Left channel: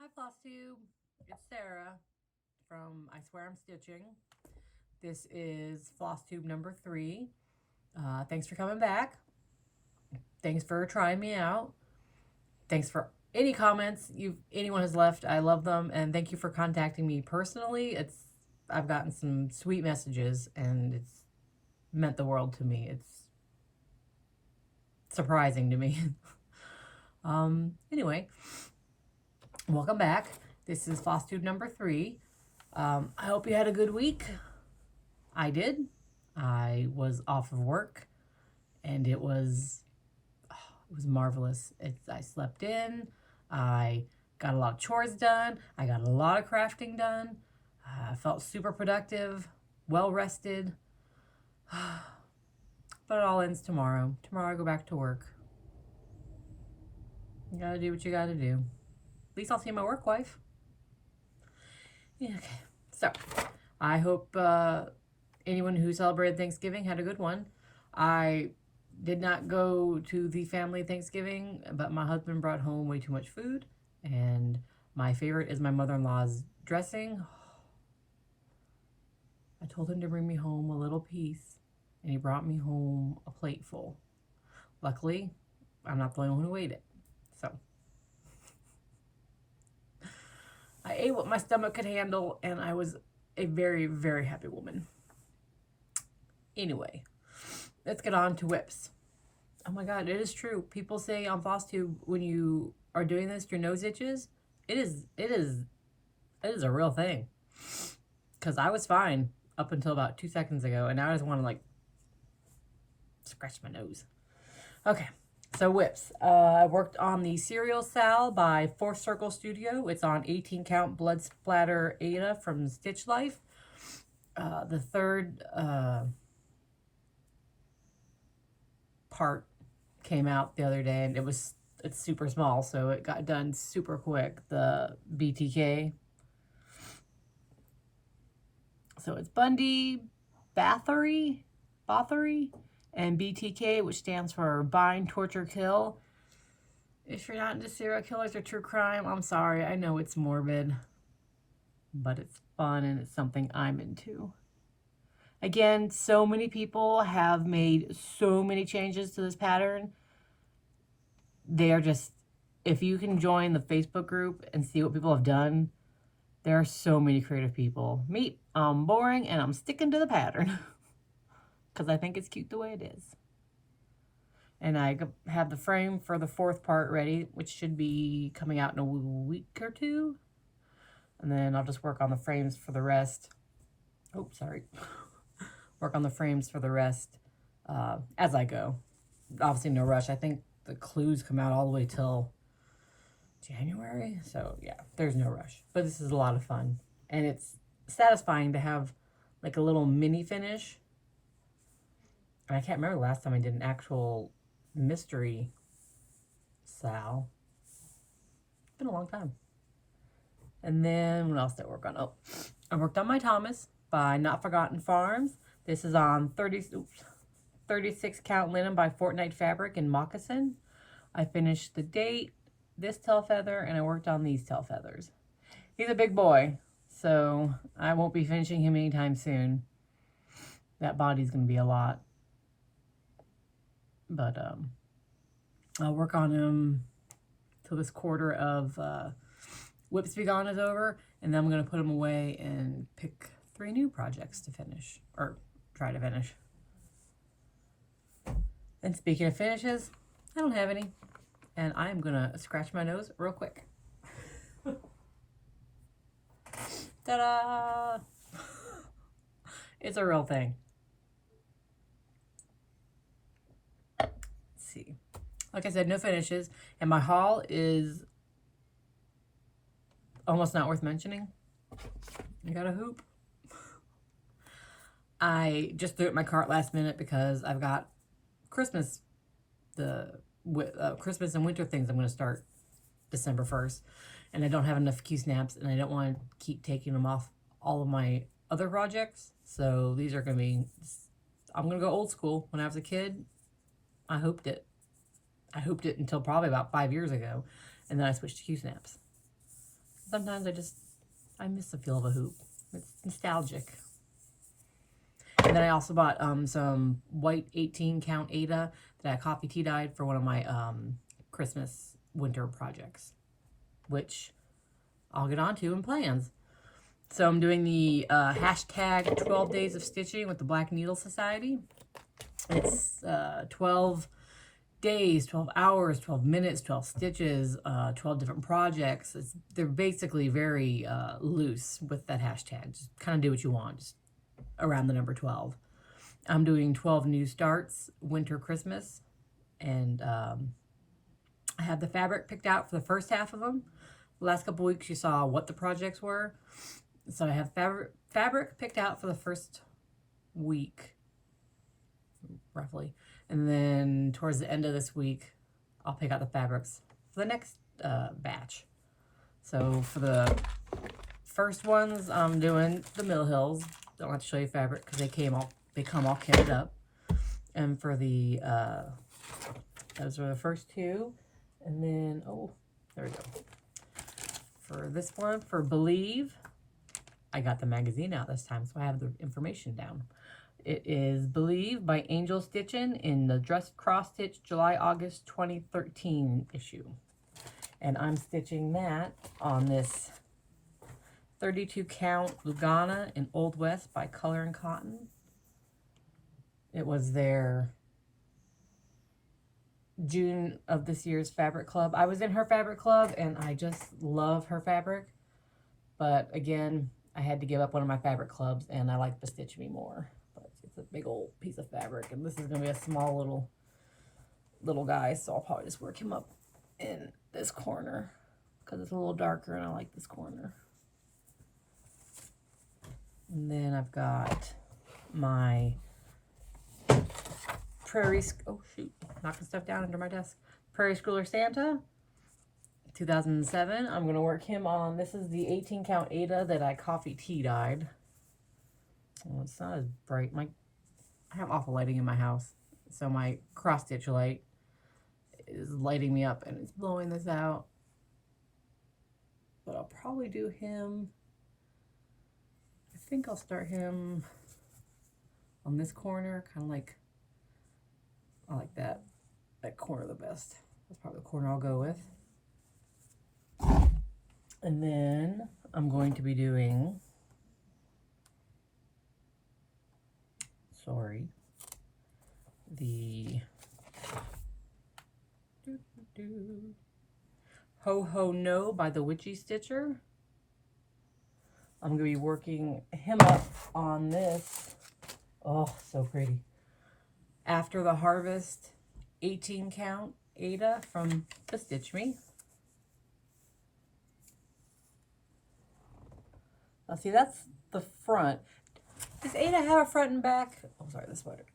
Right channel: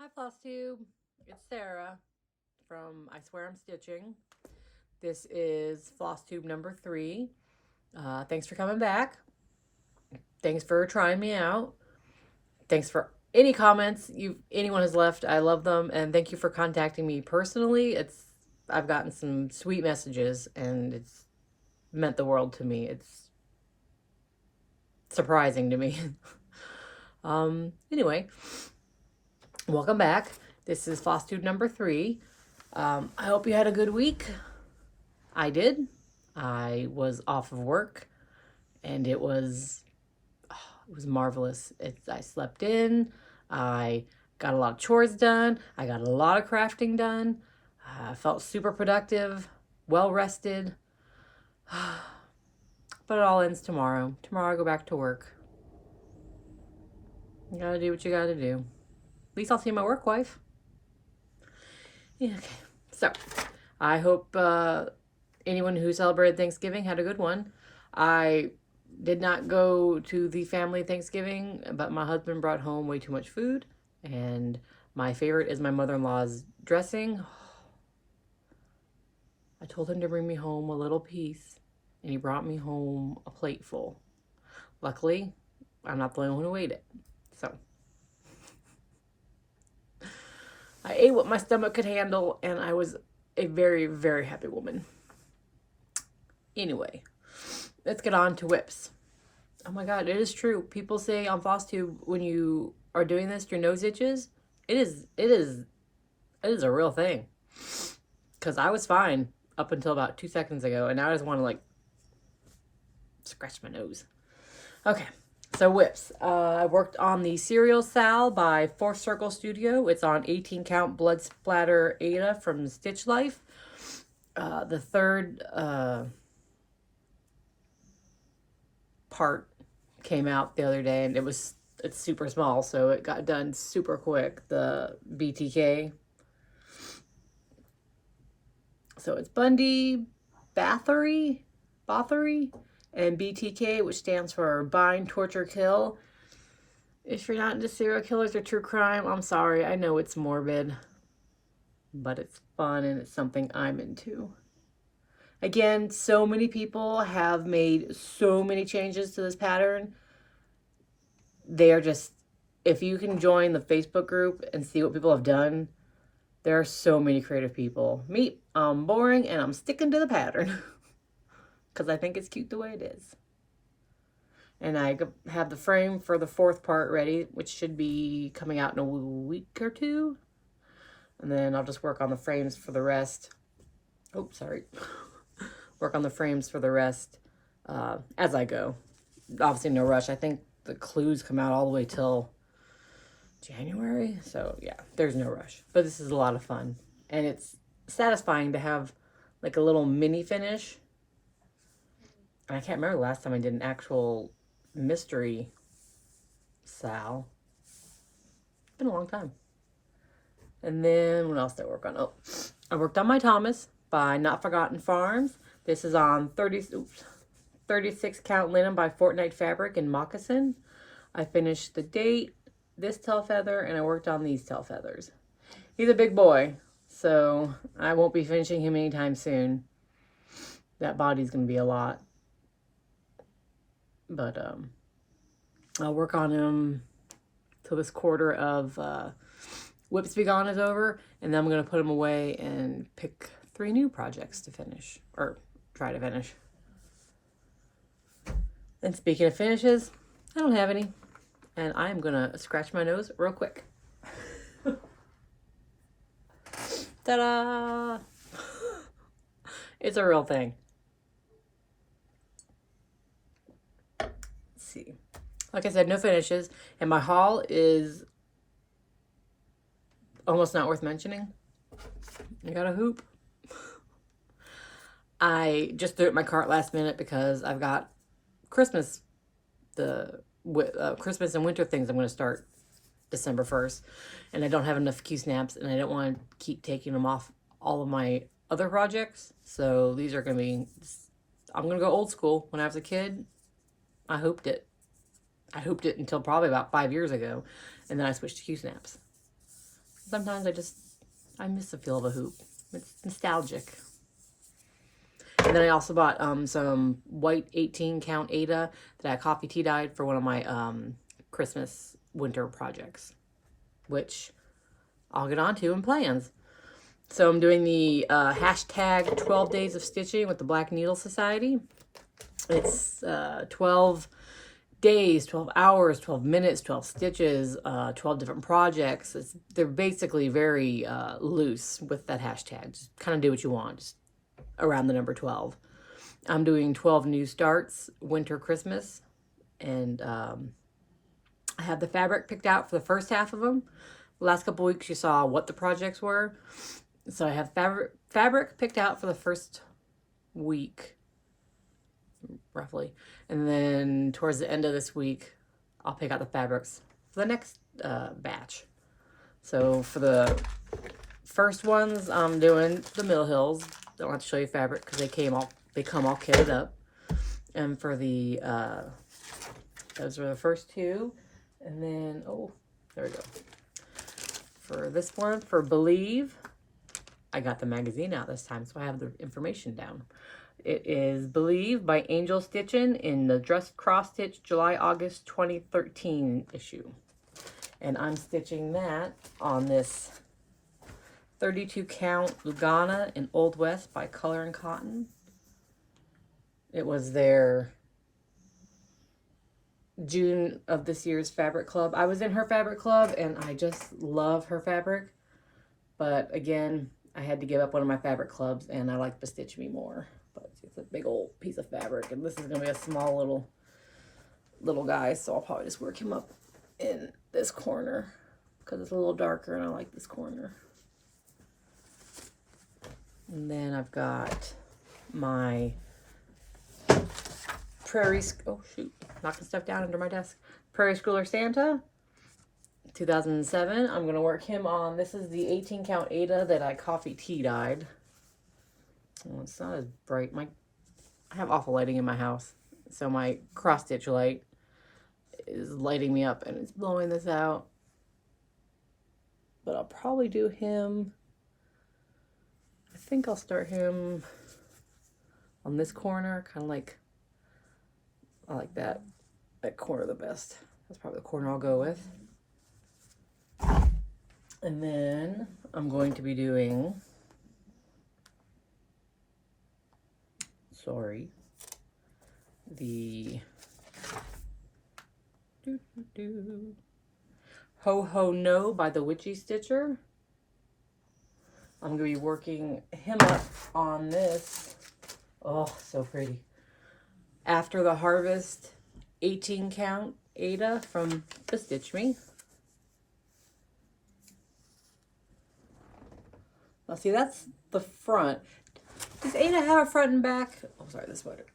Hi, Flosstube. It's Sarah from I Swear I'm Stitching. This is Flosstube number 3. Thanks for coming back. Thanks for trying me out. Thanks for any comments anyone has left. I love them, and thank you for contacting me personally. I've gotten some sweet messages, and it's meant the world to me. It's surprising to me. Anyway, welcome back. This is Flosstube number 3. I hope you had a good week. I did. I was off of work, and it was marvelous. I slept in. I got a lot of chores done. I got a lot of crafting done. I felt super productive, well rested. But it all ends tomorrow. Tomorrow I go back to work. You gotta do what you gotta do. At least I'll see my work wife. Yeah, okay. So, I hope anyone who celebrated Thanksgiving had a good one. I did not go to the family Thanksgiving, but my husband brought home way too much food, and my favorite is my mother-in-law's dressing. I told him to bring me home a little piece, and he brought me home a plate full. Luckily, I'm not the only one who ate it. So, I ate what my stomach could handle, and I was a very, very happy woman. Anyway, let's get on to whips. Oh my god, it is true. People say on Flosstube when you are doing this, your nose itches. It is a real thing. Because I was fine up until about 2 seconds ago, and now I just want to like scratch my nose. Okay, so whips. I worked on the Serial Sal by Fourth Circle Studio. It's on 18 count blood splatter Ada from Stitch Life. The third part came out the other day, and it's super small, so it got done super quick. The BTK. So it's Bundy, Bathory, and BTK, which stands for Bind, Torture, Kill. If you're not into serial killers or true crime, I'm sorry. I know it's morbid, but it's fun and it's something I'm into. Again, so many people have made so many changes to this pattern. They are just, if you can join the Facebook group and see what people have done, there are so many creative people. Me, I'm boring and I'm sticking to the pattern because I think it's cute the way it is. And I have the frame for the 4th part ready, which should be coming out in a week or 2. And then I'll just work on the frames for the rest. Oh, sorry. Work on the frames for the rest as I go. Obviously, no rush. I think the clues come out all the way till January. So, yeah, there's no rush. But this is a lot of fun. And it's satisfying to have like a little mini finish. And I can't remember the last time I did an actual mystery Sal. It's been a long time. And then what else did I work on? Oh, I worked on my Thomas by Not Forgotten Farms. This is on 36 count linen by Fortnite Fabric and Moccasin. I finished the date, this tail feather, and I worked on these tail feathers. He's a big boy, so I won't be finishing him anytime soon. That body's going to be a lot. But I'll work on him till this quarter of Whips Be Gone is over, and then I'm going to put him away and pick 3 new projects to finish, or try to finish. And speaking of finishes, I don't have any, and I am going to scratch my nose real quick. Ta-da! It's a real thing. Let's see. Like I said, no finishes, and my haul is almost not worth mentioning. I got a hoop. I just threw it in my cart last minute because I've got Christmas, Christmas and winter things I'm going to start December 1st. And I don't have enough Q-snaps, and I don't want to keep taking them off all of my other projects. So these are going to be, I'm going to go old school. When I was a kid, I hooped it. I hooped it until probably about 5 years ago. And then I switched to Q-snaps. Sometimes I miss the feel of a hoop. It's nostalgic. And then I also bought some white 18 count Ada that I coffee tea dyed for one of my Christmas winter projects, which I'll get onto in plans. So I'm doing the hashtag 12 days of stitching with the Black Needle Society. It's 12 days, 12 hours, 12 minutes, 12 stitches, 12 different projects. They're basically very loose with that hashtag. Just kind of do what you want, just around the number 12. I'm doing 12 new starts, winter, Christmas, and I have the fabric picked out for the first half of them. The last couple weeks you saw what the projects were. So I have fabric picked out for the first week, roughly. And then towards the end of this week, I'll pick out the fabrics for the next batch. So for the first ones, I'm doing the Mill Hills. Don't have to show you fabric because they come all kitted up. And for the, those were the first two. And then, oh, there we go. For this one, for Believe, I got the magazine out this time, so I have the information down. It is Believe by Angel Stitchin' in the Dress Cross Stitch July-August 2013 issue. And I'm stitching that on this 32 count Lugana in Old West by Color and Cotton. It was their June of this year's fabric club. I was in her fabric club and I just love her fabric. But again, I had to give up one of my fabric clubs and I like the Stitch Me more. But it's a big old piece of fabric and this is going to be a small little guy. So I'll probably just work him up in this corner because it's a little darker and I like this corner. And then I've got my Prairie, oh shoot, knocking stuff down under my desk. Prairie Schooler Santa, 2007. I'm going to work him on, this is the 18 count Ada that I coffee tea dyed. Oh, it's not as bright. I have awful lighting in my house. So my cross stitch light is lighting me up and it's blowing this out. But I'll probably do him, I think I'll start him on this corner, kind of like, I like that corner the best. That's probably the corner I'll go with. And then I'm going to be doing, the Ho Ho No by the Witchy Stitcher. I'm going to be working him up on this. Oh, so pretty. After the Harvest 18 count Ada from the Stitch Me. Now see, that's the front. Does Ada have a front and back? Oh, sorry, this sweater.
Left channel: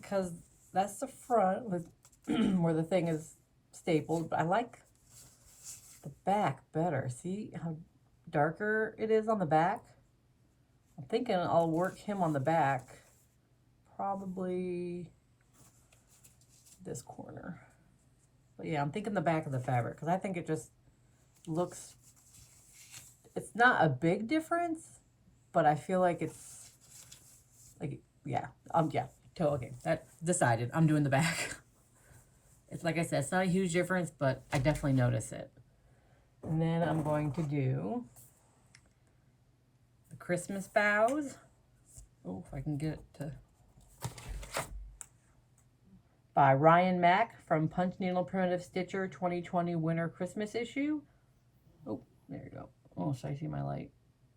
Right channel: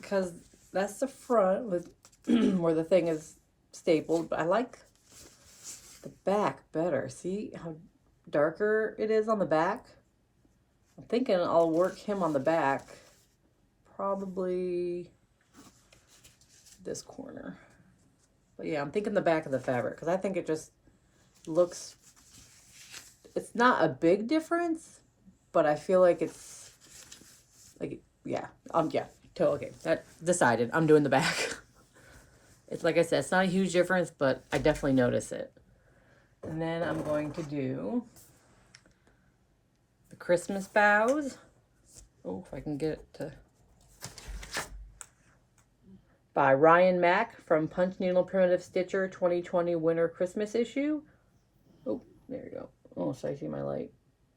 Because that's the front with where the thing is stapled, but I like the back better. See how darker it is on the back? I'm thinking I'll work him on the back. Probably this corner. But yeah, I'm thinking the back of the fabric because I think it just looks, it's not a big difference, but I feel like it's like, yeah, okay, that decided. I'm doing the back. It's like I said, it's not a huge difference, but I definitely notice it. And then I'm going to do the Christmas Boughs. Oh, if I can get it to, by Ryan Mack from Punch Needle Primitive Stitcher 2020 Winter Christmas issue. Oh, there you go. Oh, should I see my light?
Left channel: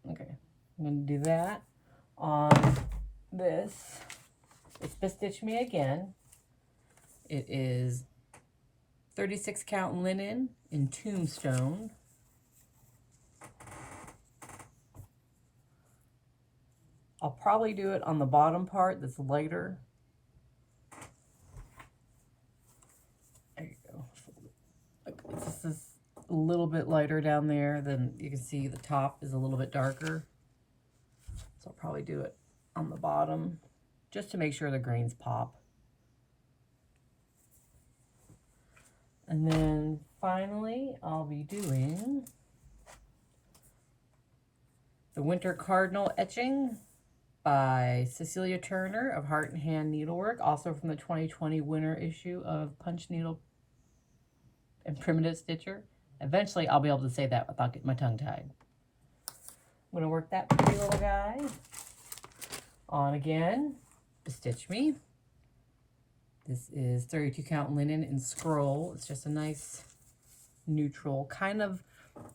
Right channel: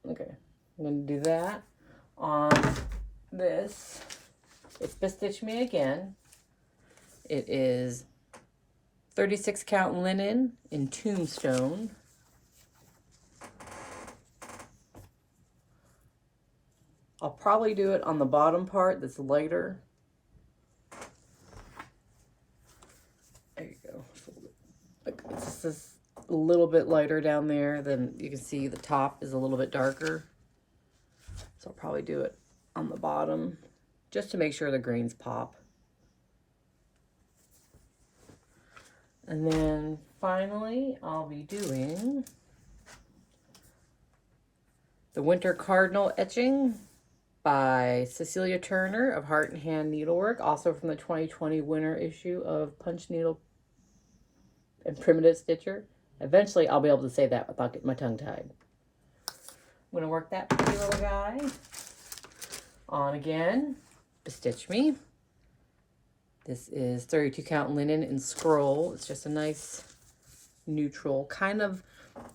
Okay, I'm going to do that on this. It's Bestitch Me Again. It is 36 count linen in Tombstone. I'll probably do it on the bottom part that's lighter. There you go. Like it's just a little bit lighter down there. Then you can see the top is a little bit darker. So I'll probably do it on the bottom just to make sure the grains pop. And then finally, I'll be doing The Winter Cardinal etching by Cecilia Turner of Heart and Hand Needlework, also from the 2020 winter issue of Punch Needle and Primitive Stitcher. Eventually, I'll be able to say that without getting my tongue tied. I'm going to work that pretty little guy on again. Stitch me. This is 32 count linen in scroll. It's just a nice neutral kind of,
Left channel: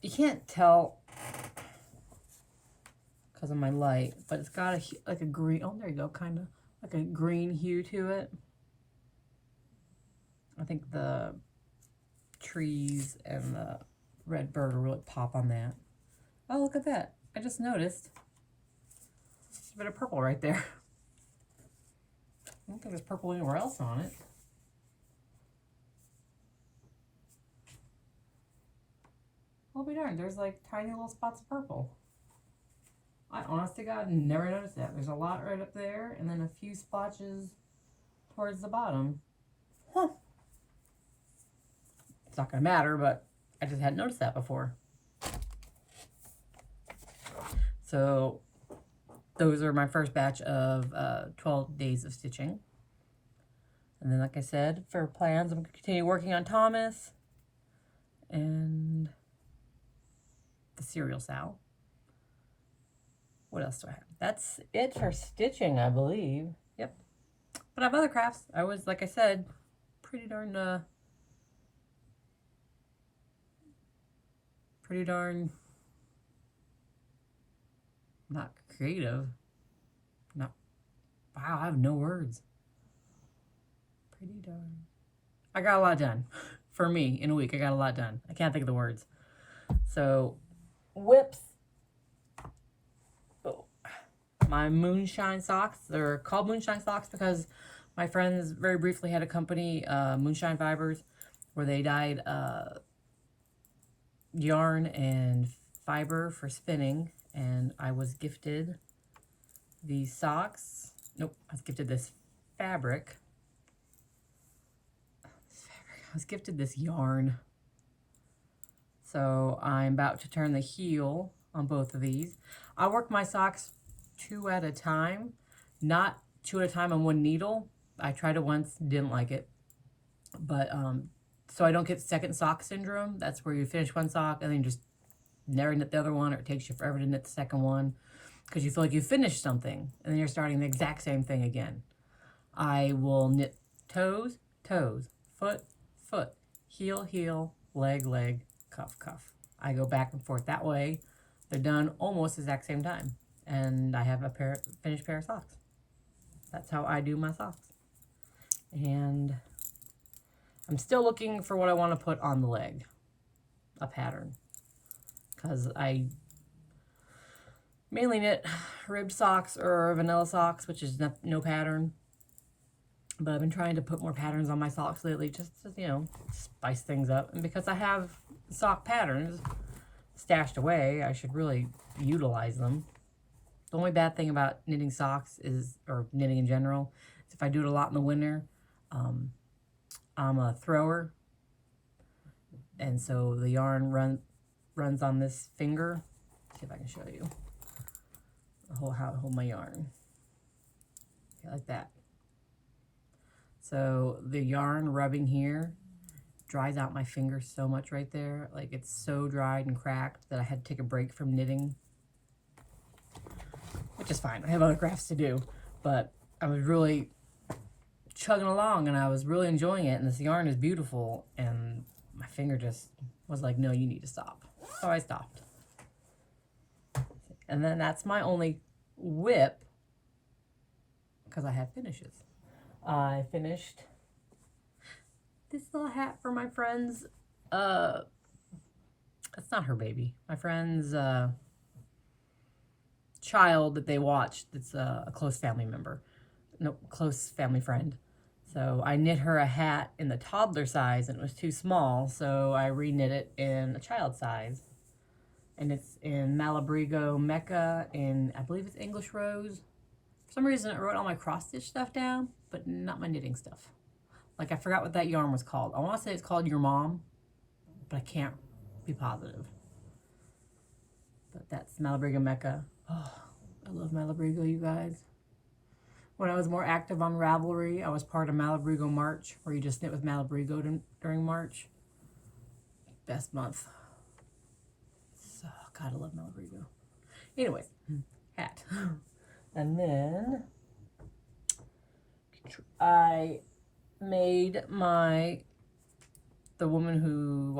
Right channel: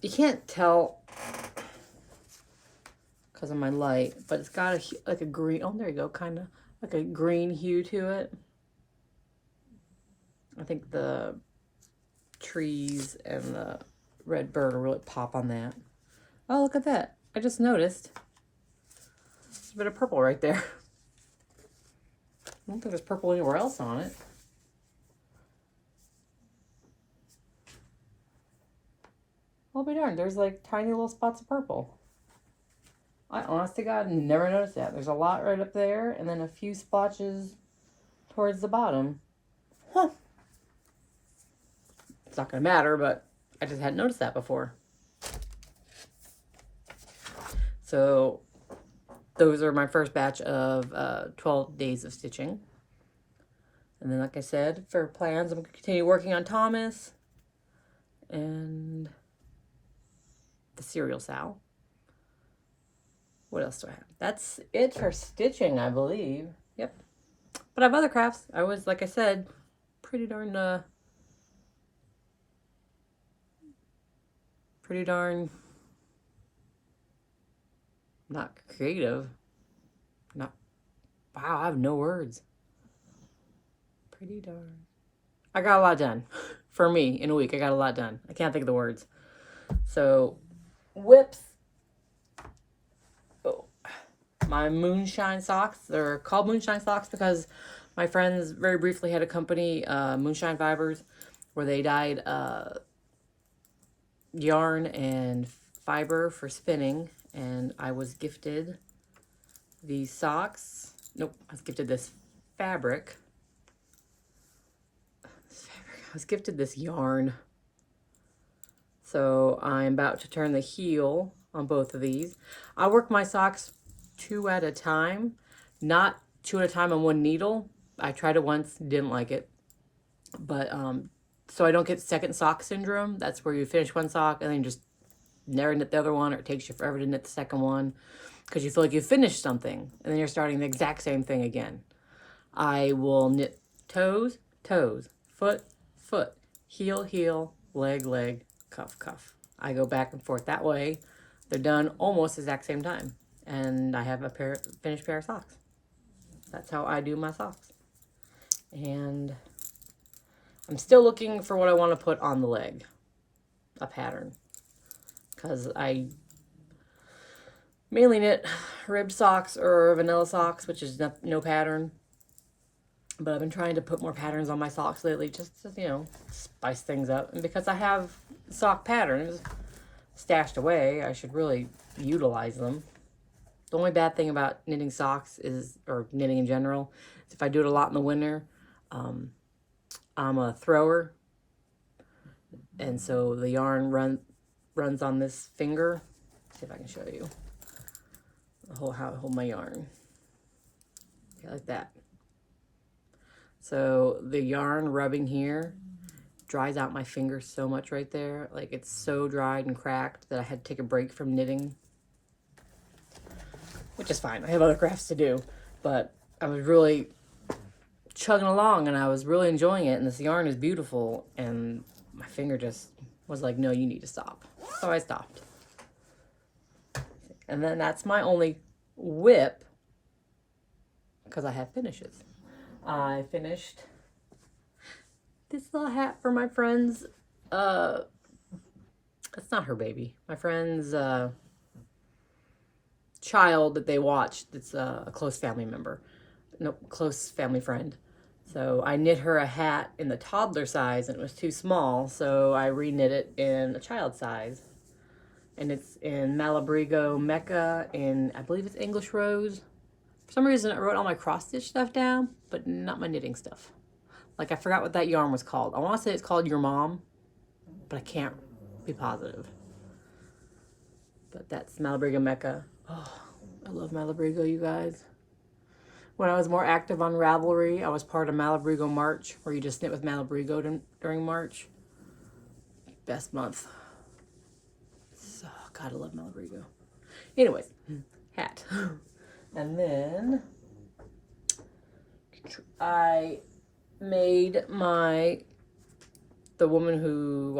you can't tell because of my light, but it's got like a green, oh there you go, kind of like a green hue to it. I think the trees and the red bird will really pop on that. Oh, look at that. I just noticed there's a bit of purple right there. I don't think there's purple anywhere else on it. I'll be darned, there's like tiny little spots of purple. I honest to God never noticed that. There's a lot right up there and then a few splotches towards the bottom. Huh. It's not going to matter, but I just hadn't noticed that before. So those are my first batch of 12 days of stitching. And then, like I said, for plans, I'm going to continue working on Thomas and the cereal sow. What else do I have? That's it for stitching, I believe. Yep. But I have other crafts. I was, like I said, pretty darn not creative. Not, wow, I have no words. Pretty darn. I got a lot done. For me, in a week, I got a lot done. I can't think of the words. So, whips. Oh, my Moonshine Socks. They're called Moonshine Socks because my friends very briefly had a company, Moonshine Fibers, where they dyed yarn and fiber for spinning. And I was gifted these socks. Nope, I was gifted this fabric. I was gifted this yarn. So I'm about to turn the heel on both of these. I work my socks 2 at a time, not 2 at a time on one needle. I tried it once, didn't like it. But so I don't get second sock syndrome. That's where you finish one sock and then you just never knit the other one, or it takes you forever to knit the second one because you feel like you finished something and then you're starting the exact same thing again. I will knit toes, toes, foot, foot, heel, heel, leg, leg, cuff, cuff. I go back and forth that way. They're done almost the exact same time. And I have a finished pair of socks. That's how I do my socks. And I'm still looking for what I want to put on the leg. A pattern. Because I mainly knit ribbed socks or vanilla socks, which is no pattern. But I've been trying to put more patterns on my socks lately, just to, you know, spice things up. And because I have sock patterns stashed away, I should really utilize them. The only bad thing about knitting socks is, or knitting in general, is if I do it a lot in the winter, I'm a thrower. And so the yarn runs on this finger. Let's see if I can show you how I hold my yarn. Okay, like that. So the yarn rubbing here dries out my finger so much right there. Like it's so dried and cracked that I had to take a break from knitting. Which is fine. I have other crafts to do. But I was really chugging along and I was really enjoying it. And this yarn is beautiful. And my finger just was like, no, you need to stop. So I stopped. And then that's my only whip because I have finishes. I finished this little hat for my friend's, it's not her baby, my friend's child that they watched. It's a close family member, no, close family friend. So I knit her a hat in the toddler size and it was too small, so I reknit it in a child size. And it's in Malabrigo Mecca, and I believe it's English Rose. For some reason, I wrote all my cross-stitch stuff down, but not my knitting stuff. Like, I forgot what that yarn was called. I want to say it's called Your Mom, but I can't be positive. But that's Malabrigo Mecca. Oh, I love Malabrigo, you guys. When I was more active on Ravelry, I was part of Malabrigo March, where you just knit with Malabrigo during March. Best month. So, God, I love Malabrigo. Anyways, hat. And then I made the woman who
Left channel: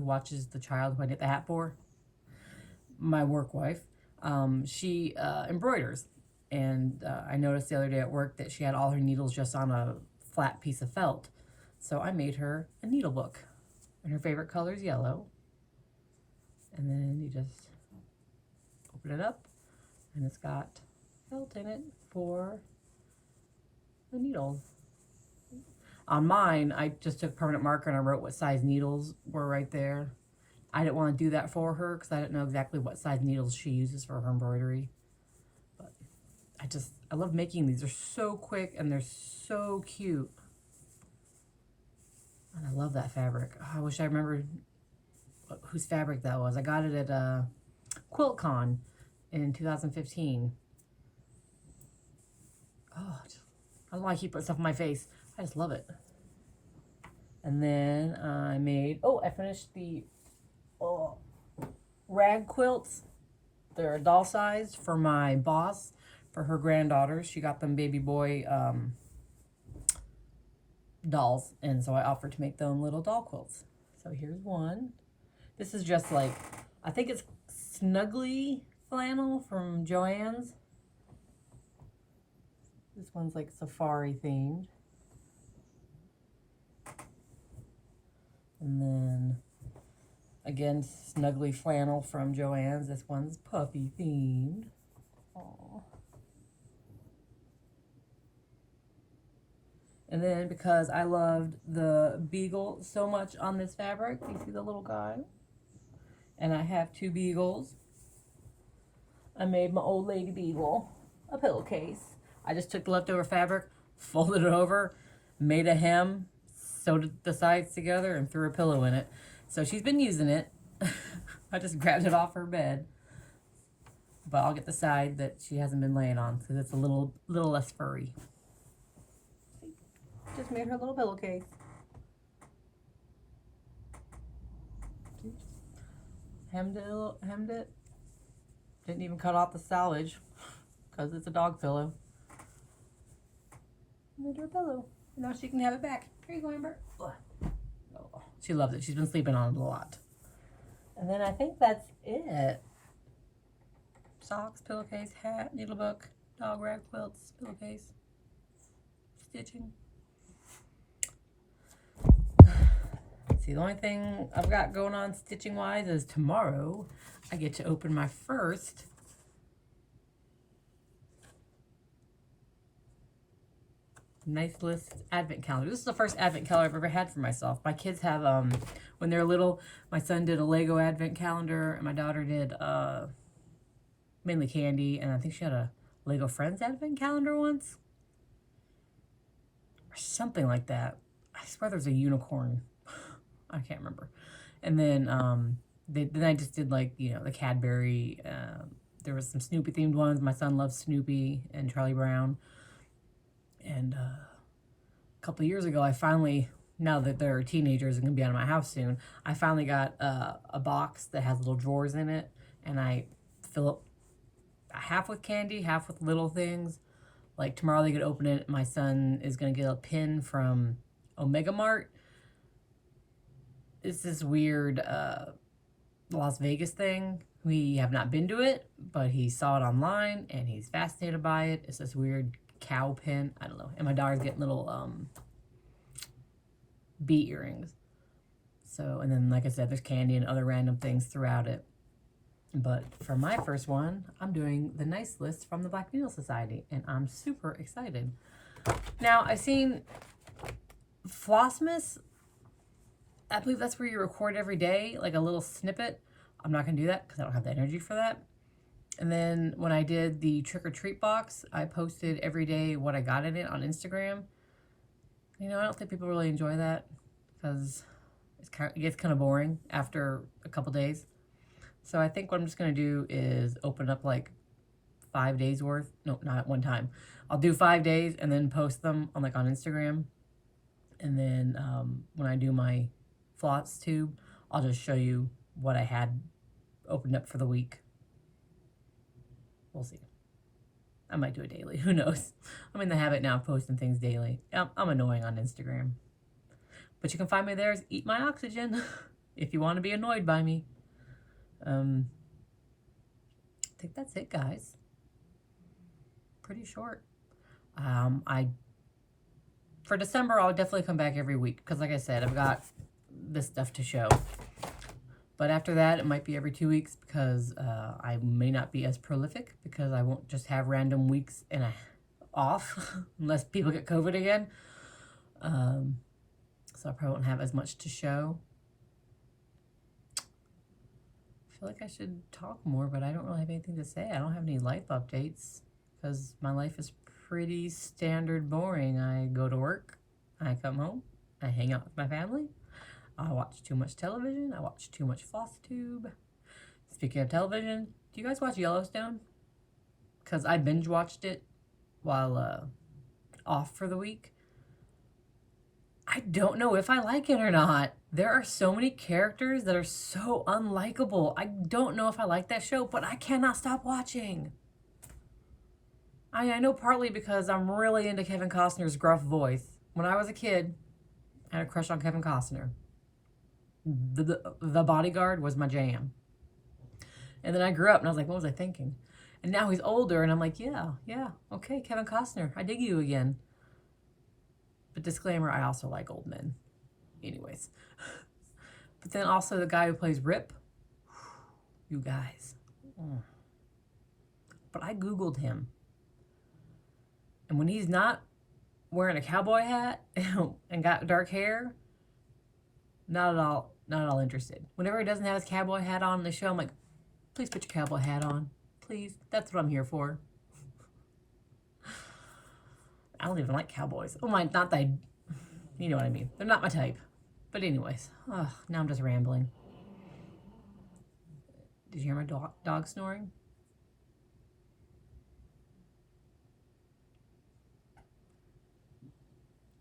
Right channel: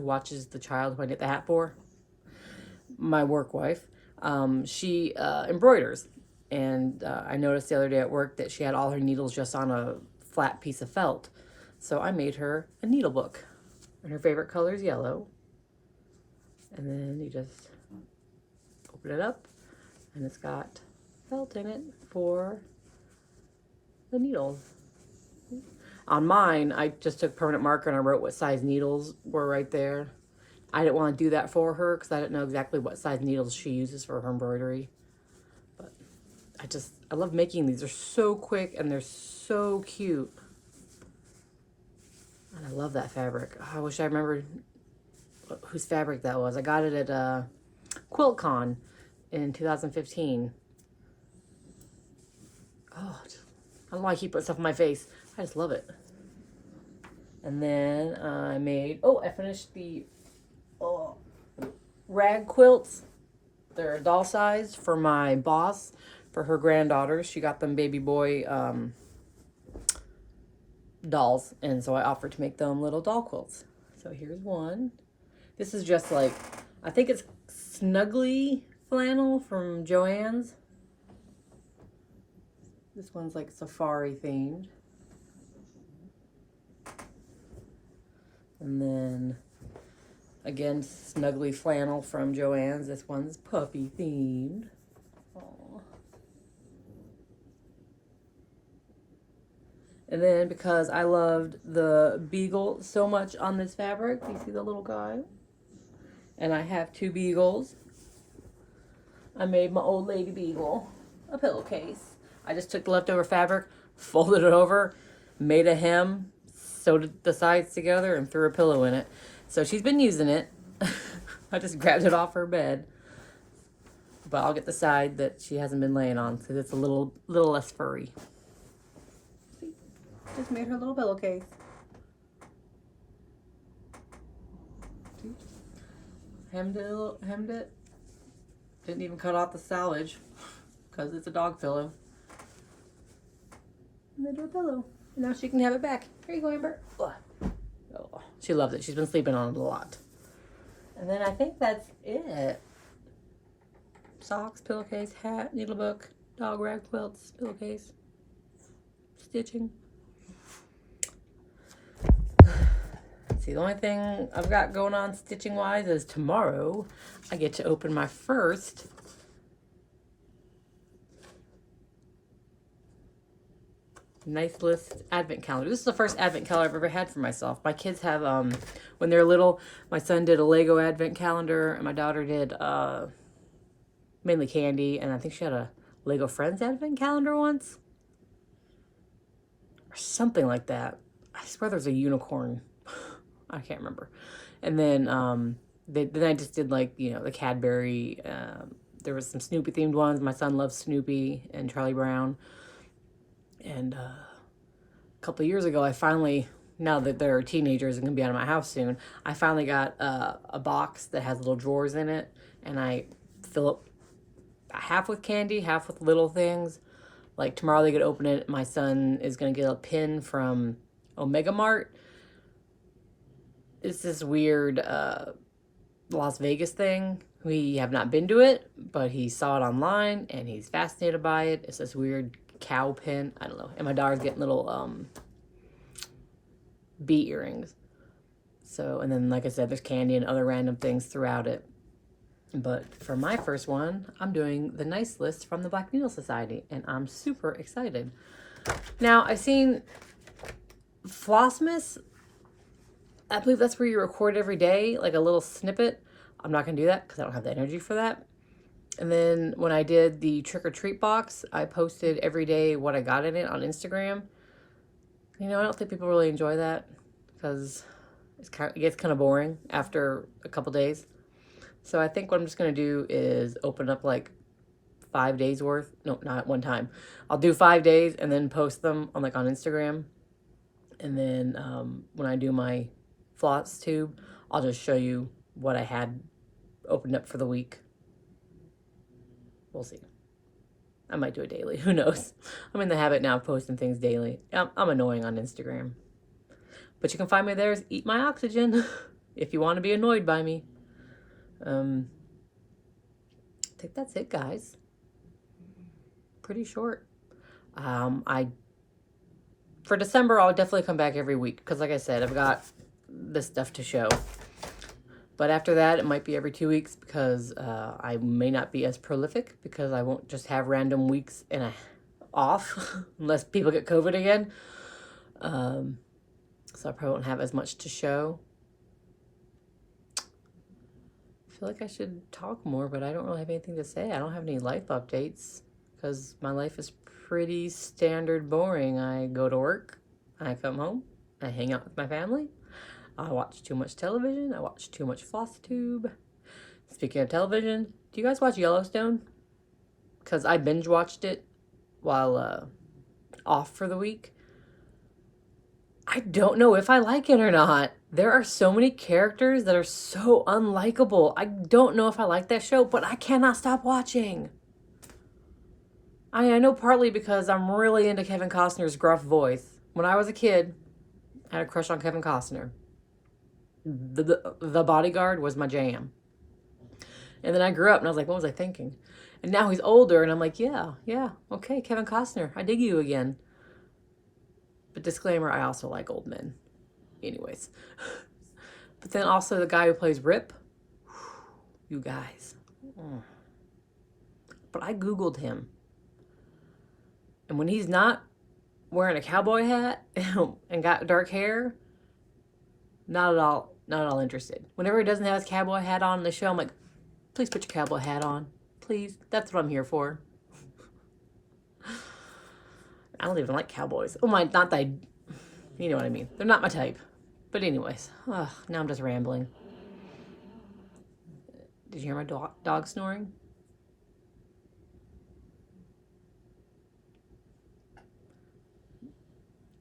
watches the child who I knit the hat for, my work wife. She embroiders, and I noticed the other day at work that she had all her needles just on a flat piece of felt. So I made her a needle book, and her favorite color is yellow. And then you just open it up, and it's got felt in it for the needles. On mine, I just took permanent marker and I wrote what size needles were right there. I didn't want to do that for her because I didn't know exactly what size needles she uses for her embroidery. But I love making these. They're so quick and they're so cute. And I love that fabric. Oh, I wish I remembered whose fabric that was. I got it at QuiltCon in 2015. Oh, I don't know why I keep putting stuff on my face. I just love it. And then I finished the rag quilts. They're doll sized for my boss, for her granddaughters. She got them baby boy dolls, and so I offered to make them little doll quilts. So here's one. This is just like, I think it's snuggly flannel from Joann's. This one's like safari themed. And then again, snuggly flannel from Joann's. This one's puppy themed. Aww. And then because I loved the beagle so much on this fabric, you see the little guy? And I have 2 beagles. I made my old lady beagle a pillowcase. I just took the leftover fabric, folded it over, made a hem, sewed the sides together, and threw a pillow in it. So she's been using it. I just grabbed it off her bed. But I'll get the side that she hasn't been laying on because it's a little less furry. See? Just made her little pillowcase. See? Hemmed it. Didn't even cut off the salvage because it's a dog pillow. Made her a pillow. Now she can have it back. Here you go, Amber. Oh, she loves it. She's been sleeping on it a lot. And then I think that's it. Socks, pillowcase, hat, needle book, dog rag quilts, pillowcase, stitching. See, the only thing I've got going on stitching wise is tomorrow I get to open my first Nice List advent calendar. This is the first advent calendar I've ever had for myself. My kids have, when they're little, my son did a Lego advent calendar, and my daughter did mainly candy, and I think she had a Lego Friends advent calendar once. Or something like that. I swear there's a unicorn. I can't remember. And then, then I just did, like, you know, the Cadbury. There was some Snoopy themed ones. My son loves Snoopy and Charlie Brown. And a couple of years ago, I finally, now that they're teenagers and going to be out of my house soon, I finally got a box that has little drawers in it. And I fill up half with candy, half with little things. Like tomorrow they could open it. My son is going to get a pin from Omega Mart. It's this weird Las Vegas thing. We have not been to it, but he saw it online and he's fascinated by it. It's this weird cow pin. I don't know. And my daughter's getting little bee earrings. So, and then like I said, there's candy and other random things throughout it. But for my first one, I'm doing the Nice List from the Black Needle Society, and I'm super excited. Now, I've seen Flossmas. I believe that's where you record every day, like a little snippet. I'm not going to do that because I don't have the energy for that. And then when I did the trick or treat box, I posted every day what I got in it on Instagram. You know, I don't think people really enjoy that because It gets kind of boring after a couple days. So I think what I'm just going to do is open up like 5 days worth. No, not at one time. I'll do 5 days and then post them on on Instagram. And then when I do my Flosstube, I'll just show you what I had opened up for the week. We'll see. I might do it daily. Who knows? I'm in the habit now of posting things daily. I'm annoying on Instagram. But you can find me there as Eat My Oxygen if you want to be annoyed by me. I think that's it, guys. Pretty short. For December, I'll definitely come back every week because, like I said, I've got this stuff to show. But after that, it might be every 2 weeks because I may not be as prolific because I won't just have random weeks and off unless people get COVID again. So I probably won't have as much to show. I feel like I should talk more, but I don't really have anything to say. I don't have any life updates because my life is pretty standard boring. I go to work, I come home, I hang out with my family, I watch too much television, I watch too much Flosstube. Speaking of television, do you guys watch Yellowstone? Because I binge watched it while off for the week. I don't know if I like it or not. There are so many characters that are so unlikable. I don't know if I like that show, but I cannot stop watching. I know partly because I'm really into Kevin Costner's gruff voice. When I was a kid, I had a crush on Kevin Costner. The Bodyguard was my jam. And then I grew up and I was like, what was I thinking? And now he's older and I'm like, yeah, okay, Kevin Costner, I dig you again. But disclaimer, I also like old men. Anyways. But then also the guy who plays Rip. You guys. But I Googled him. And when he's not wearing a cowboy hat and got dark hair, not at all interested. Whenever he doesn't have his cowboy hat on in the show, I'm like, please put your cowboy hat on. Please. That's what I'm here for. I don't even like cowboys. Oh my, not that you know what I mean. They're not my type. But anyways, now I'm just rambling. Did you hear my dog snoring?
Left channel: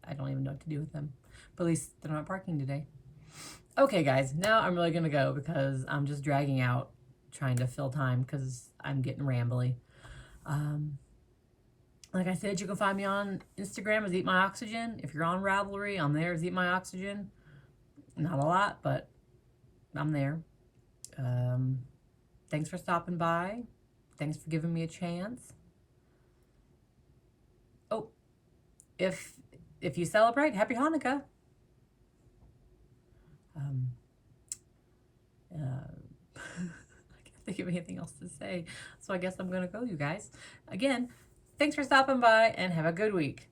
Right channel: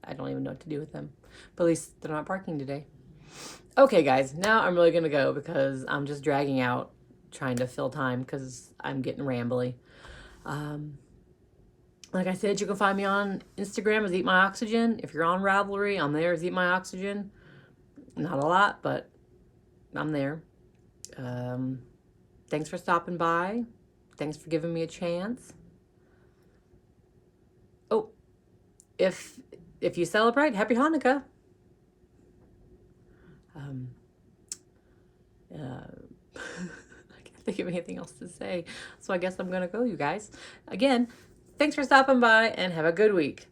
I don't even know what to do with them. But at least they're not barking today. Okay, guys, now I'm really going to go because I'm just dragging out trying to fill time because I'm getting rambly. Like I said, you can find me on Instagram as Eat My Oxygen. If you're on Ravelry, I'm there as Eat My Oxygen. Not a lot, but I'm there. Thanks for stopping by. Thanks for giving me a chance. Oh, if you celebrate, Happy Hanukkah. I can't think of anything else to say. So I guess I'm going to go, you guys. Again, thanks for stopping by and have a good week.